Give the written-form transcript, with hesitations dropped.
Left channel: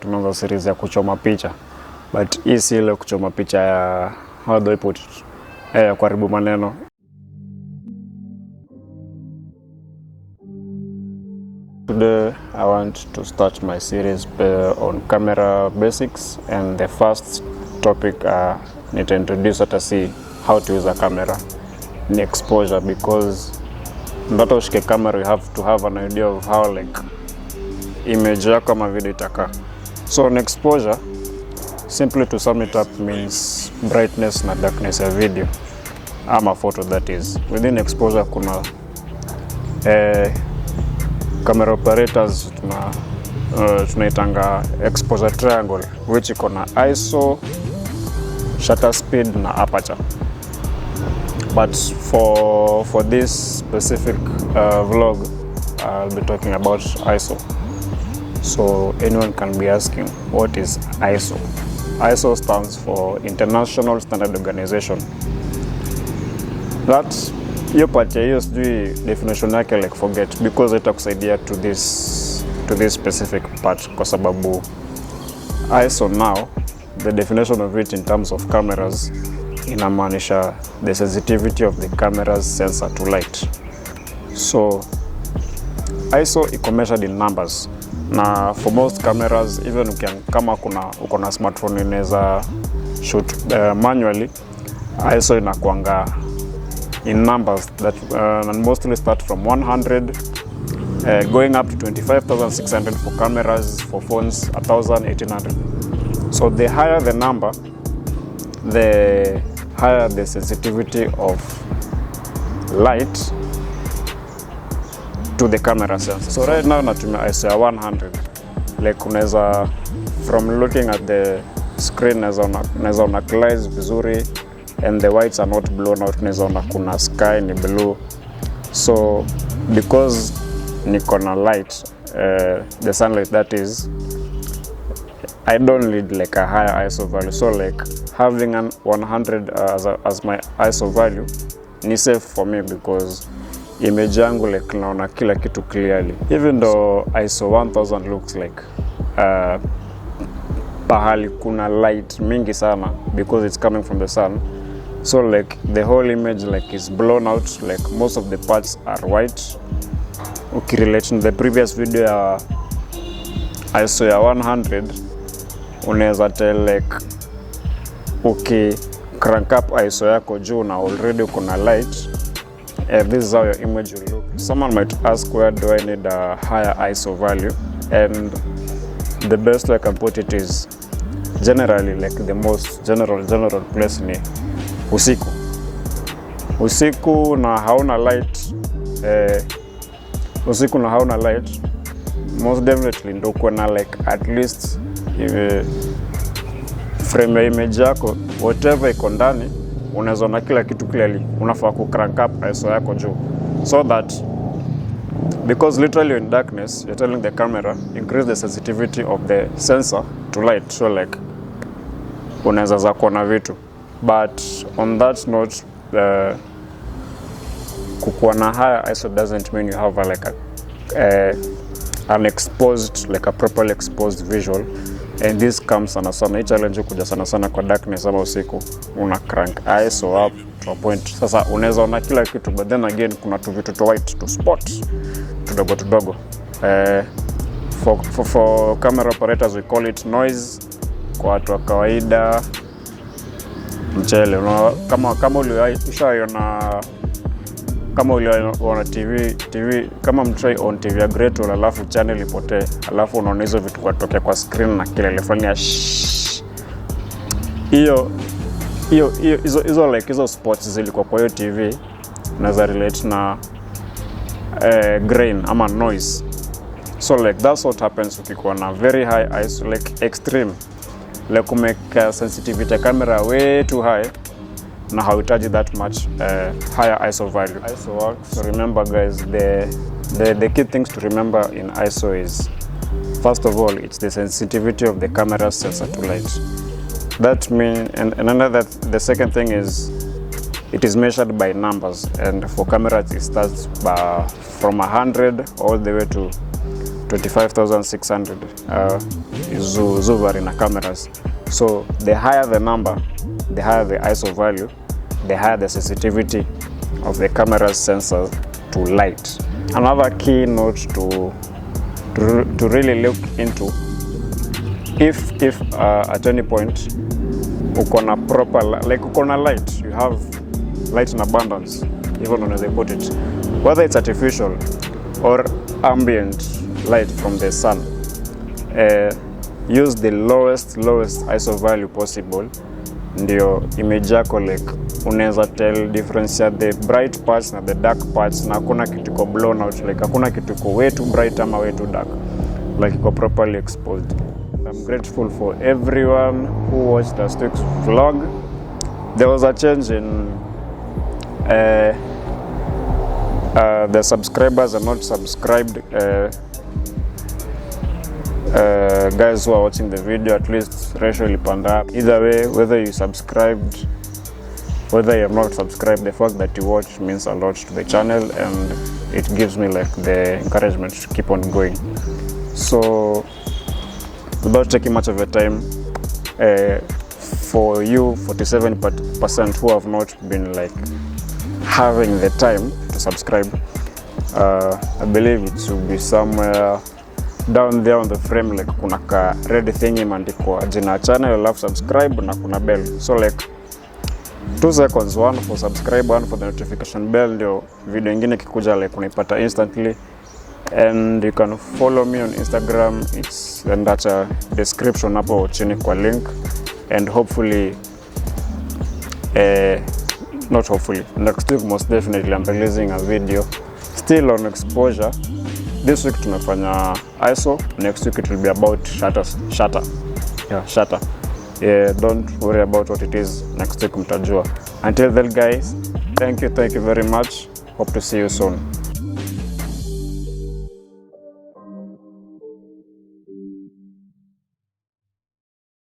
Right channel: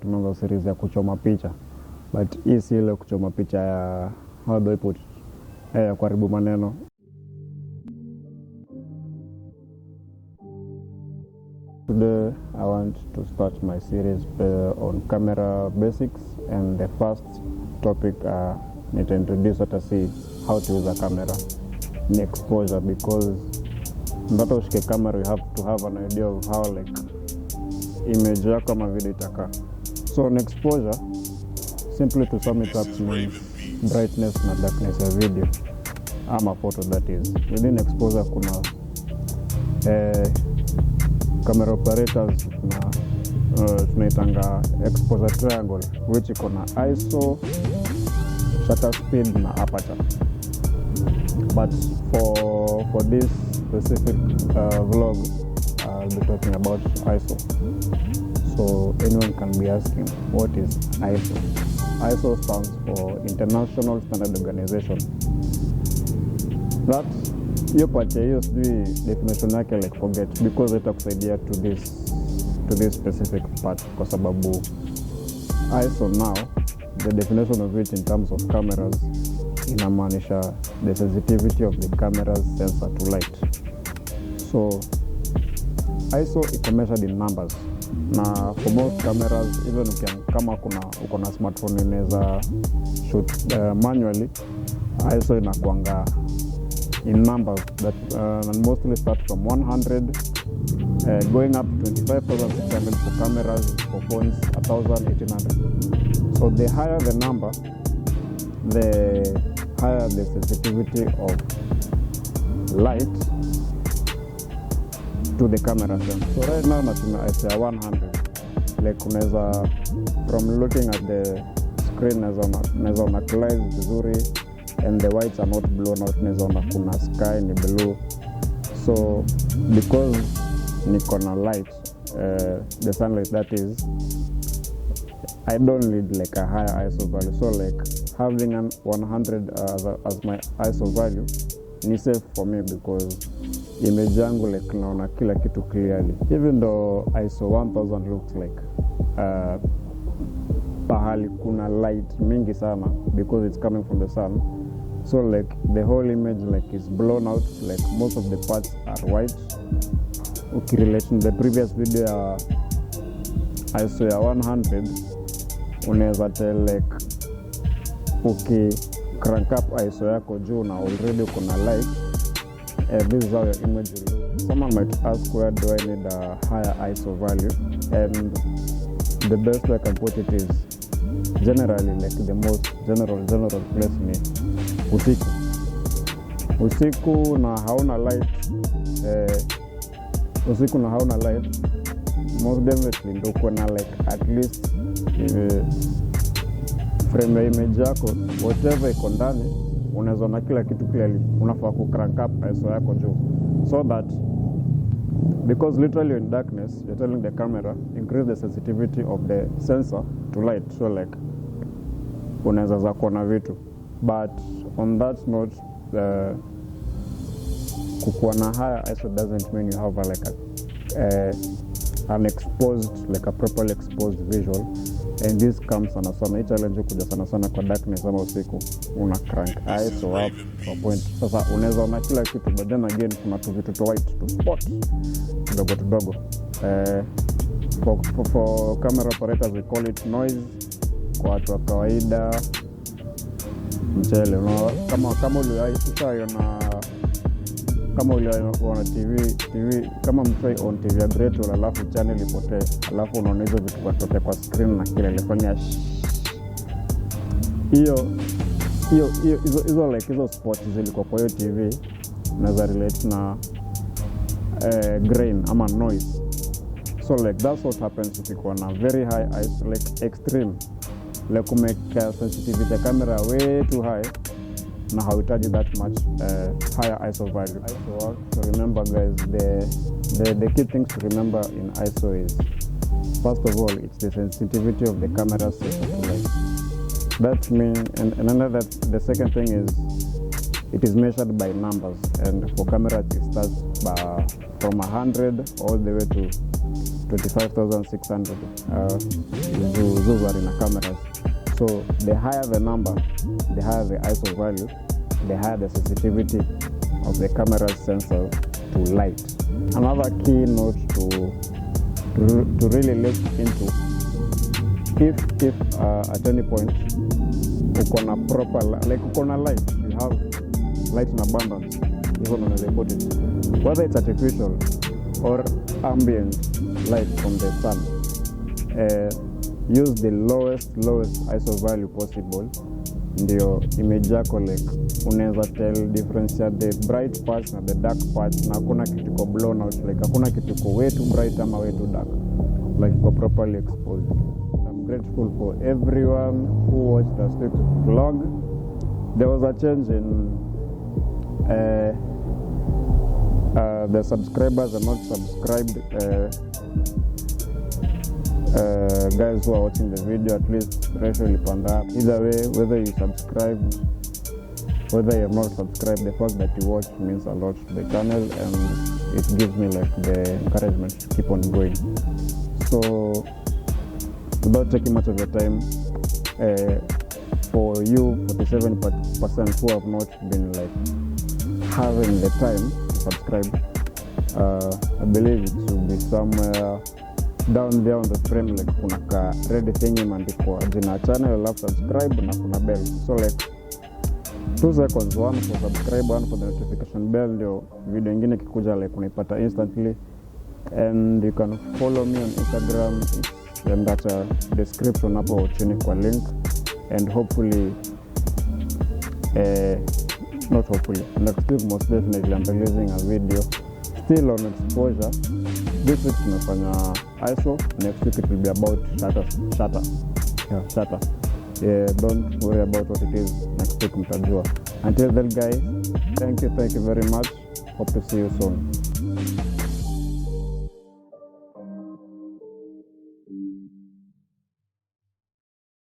tunaanza series ya kuchoma picha, but hii si ile kuchoma picha ya how do I put it, kuharibu maneno. Today I want to start my series on camera basics, and the first topic need to introduce to see how to use a camera in exposure, because not ushike camera you have to have an idea of how like image yako ama video itaka. So in exposure, simply to sum it up, means brightness na darkness ya video ama photo, that is. Within exposure kuna camera operators tunaitanga exposure triangle, which iko na ISO, shutter speed na aperture. But for this specific vlog, I'll be talking about ISO. So anyone can be asking, what is ISO? ISO stands for International Standard Organization. That's hiyo part ya hiyo sijui definition yake, like forget, because itakusaidia to this specific part, kwa sababu ISO now, the definition of it in terms of cameras, inamaanisha the sensitivity of the camera's sensor to light. So ISO iko measured in numbers, na for most cameras, even kama uko na smartphone inaweza shoot manually, ISO inakuanga in numbers that and mostly start from 100 going up to 25,600 for cameras, for phones 1,800. So the higher the number, the higher the sensitivity of light to the camera sensor. So right now natumia ISO ya 100. Like unaweza, from looking at the screen, unaweza ona clouds vizuri and the whites are not blown out, unaweza ona kuna sky ni blue. So because niko na light, the sunlight that is, I don't need like a higher ISO value. So like having an 100 as my ISO value ni safe for me, because image yangu like naona kila kitu clearly. Even though ISO 1000 looks like pahali kuna light mingi sana, because it's coming from the sun. So like the whole image like is blown out, like most of the parts are white. Ukirelate to the previous video ya ISO ya 100, unaweza tell like crank up ISO yako juu na already kuna light, this is how your image will look. Someone might ask, where do I need a higher ISO value? And the best way I can put it is, generally like the most general place ni usiku na hauna light. Usiku na hauna light, most definitely ndo kuna like at least frame ya image yako, whatever iko ndani, unaweza na kila kitu clearly. Unafaa ku crank up ISO yako juu, so that, because literally in darkness you're telling the camera increase the sensitivity of the sensor to light, so like unaweza za kuona vitu. But on that note, kukuwa na higher ISO doesn't mean you have an exposed, like a properly exposed visual. And this comes sana hii challenge kuja sana kwa darkness ama usiku, una crank ISO up to a point. Sasa unaweza ona kila kitu, but then again kuna tu vitu to white to spot tudogo. For camera operators we call it noise. Kwa watu wa kawaida mchele, kama uliona TV, kama mtry on TV ya Great, alafu channel ipotee, alafu unaona hizo vitu kwatokea kwa screen na kile ilifanya hizo spots zilikuwa kwa hiyo TV, naweza relate na grain ama noise. So like that's what happens ukikuwa na very high ISO, like extreme, like make sensitivity camera way too high, na hauhitaji that much higher ISO value. ISO works. So remember guys, the key things to remember in ISO is, first of all, it's the sensitivity of the camera's sensor to light. That means, and the second thing is, it is measured by numbers, and for cameras it starts from 100 all the way to 25,600 Zuvari na cameras. So the higher the number, the higher the ISO value, the higher the sensitivity of the camera's sensors to light. Another key note to really look into, if at any point ukona proper, like ukona light, you have light in abundance, even when they put it, whether it's artificial or ambient light from the sun, use the lowest ISO value possible, ndio image yako like unaweza tell difference ya the bright parts na the dark parts, na hakuna kitu ko blown out, like hakuna kitu ko way too bright ama way too dark, like iko properly exposed. I'm grateful for everyone who watched last week's vlog. There was a change in the subscribers are not subscribed guys who are watching the video, at least ratio ilipanda. Either way, whether you subscribed, whether you have not subscribed, the fact that you watch means a lot to the channel, and it gives me like the encouragement to keep on going. So without taking much of your time, for you 47% who have not been like having the time to subscribe, I believe it should be somewhere down there on the frame, like kuna ka red thing imeandikwa jina channel, alafu subscribe na kuna bell. So like 2 seconds, one for subscribe, one for the notification bell, ndio video ingine kikuja like unaipata instantly. And you can follow me on Instagram, it's in that description hapo chini kwa link. And hopefully, not hopefully, next week most definitely I'm releasing a video still on exposure. This week tumefanya ISO, next week it will be about shutter. Yeah, don't worry about what it is, next week mtajua. Until then guys, thank you very much, hope to see you soon.